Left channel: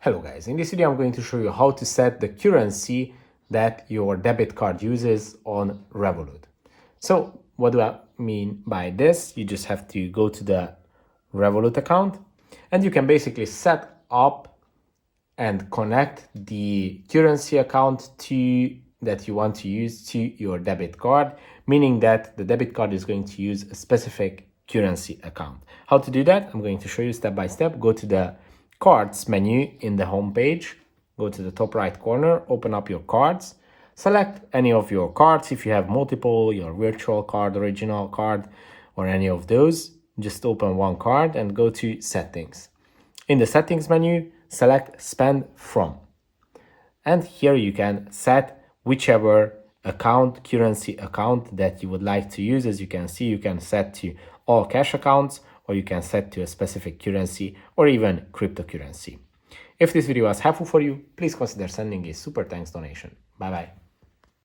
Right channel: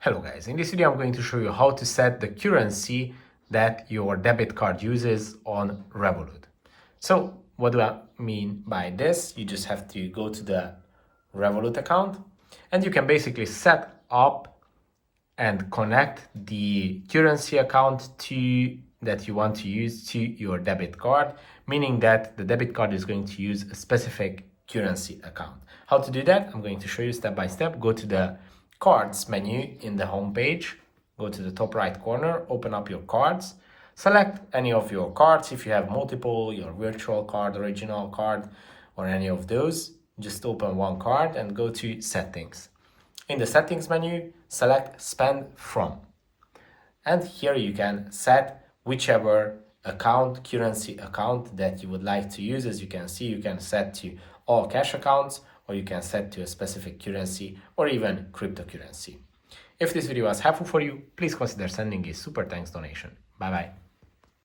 Hello guys, in this video I'm going to show you how to set the currency that your debit card uses on Revolut. So what do I mean by this? You just have to go to the Revolut account and you can basically set up and connect the currency account that you want to use to your debit card, meaning that the debit card is going to use a specific currency account. How to do that? I'm going to show you step by step. Go to the cards menu in the home page, go to the top right corner, open up your cards, select any of your cards. If you have multiple, your virtual card, original card, or any of those, just open one card and go to settings. In the settings menu, select spend from. And here you can set whichever currency account that you would like to use. As you can see, you can set to all cash accounts, or you can set to a specific currency or even cryptocurrency. If this video was helpful for you, please consider sending a super thanks donation. Bye bye.